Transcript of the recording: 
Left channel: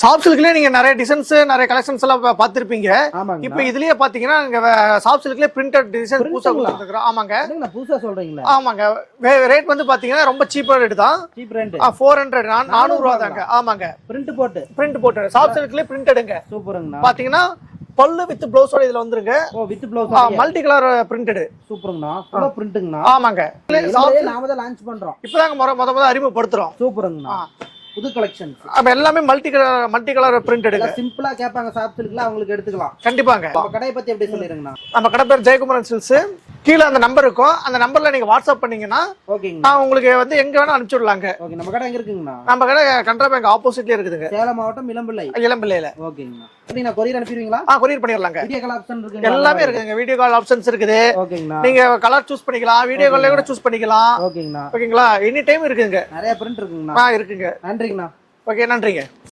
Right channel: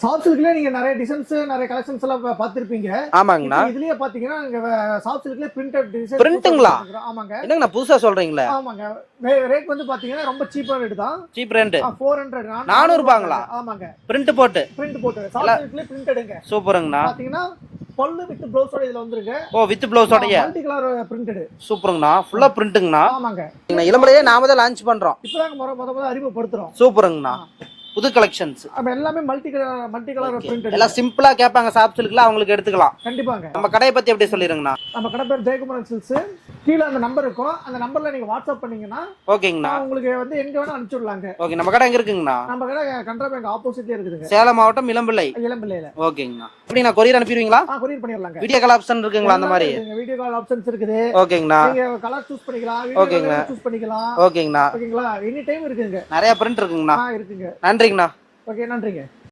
Soft சில்க்லயே நீங்க நிறைய designs நிறைய கலெக்ஷன்ஸ் எல்லாம் பாத்திருப்பீங்க. ஆமாங்க. இப்போ இதுலயே பாத்தீங்கன்னா சாஃப்ட் சில்க்லயே பிரிண்டட் டிசைன் பிரிண்ட்டுங்களா? ஆமாங்க. என்னங்க புதுசா சொல்றீங்களா? ஆமாங்க. ரேட் வந்து பாத்தீங்கன்னா ரொம்ப சீப்பா ரேட் தான். சீப் ரேட் 400 400 ரூபாய்ங்க. ஆமாங்க. பிரிண்ட் போட்டு சாஃப்ட் சில்க்லயே பிரிண்டடுங்க. சூப்பருங்கண்ணா. பாத்தீங்கன்னா பல்லு வித் ப்ளவுஸோட இதுல வந்துருங்க. ஓ வித் ப்ளவுஸோட மல்டி கலர் பிரிண்டட். சூப்பருங்கண்ணா. ஃபுல்லா பிரிண்ட்டுங்கண்ணா. ஆமாங்க. இளமலையே நாம தான் லான்ச் பண்றோம். இப்பதாங்க முத அறிமுகப்படுத்துறோம். சூப்பருங்கண்ணா. புது கலெக்ஷன்ஸ். அப்ப எல்லாமே மல்டி கலர் பிரிண்டட். எல்லாம் சிம்பிளா கேட்பாங்க சாஃப்ட் சில்க்ல, அவங்களுக்கு எடுத்துக்கலாம். கண்டிப்பாங்க. நம்ம கடையை பத்தி எப்படி சொல்லிருங்கண்ணா? நம்ம கடை பேர் ஜெயக்குமரன் சில்க்ஸ். கீழ அந்த நம்பர் இருக்கும். அந்த நம்பர்ல நீங்க வாட்ஸ்அப் பண்ணீங்கன்னா ஓகேங்கண்ணா. நான் உங்களுக்கு வந்து எங்க வேணா அனுப்பிச்சு விடலாங்க. ஓகே. நம்ம கடை எங்க இருக்குங்கண்ணா? நம்ம கடை கனரா பேங்க் ஆப்போசிட்லயே இருக்குதுங்க. சேலம் மாவட்டம் இளம்பிள்ளை. இளம்பிள்ளையில. ஓகேங்கண்ணா. எப்படிண்ணா கொரியர் அனுப்பிடுவீங்களா? கொரியர் பண்ணிடலாங்க. வீடியோ கால் ஆப்ஷன் இருக்குங்களா? எல்லாமே இருக்குங்க. வீடியோ கால் ஆப்ஷன்ஸ் இருக்குது. ஓகேங்கண்ணா. நீங்க கலர் சூஸ் பண்ணிக்கலாம். வீடியோ கால்ல கூட சூஸ் பண்ணிக்கலாம். ஓகேங்கண்ணா. ஓகேங்களா? எனி டைம் இருக்குங்க. நிறைய பிரிண்ட் இருக்குங்கண்ணா. இருக்குங்க. நன்றிங்கண்ணா. ஓகே, நன்றிங்க.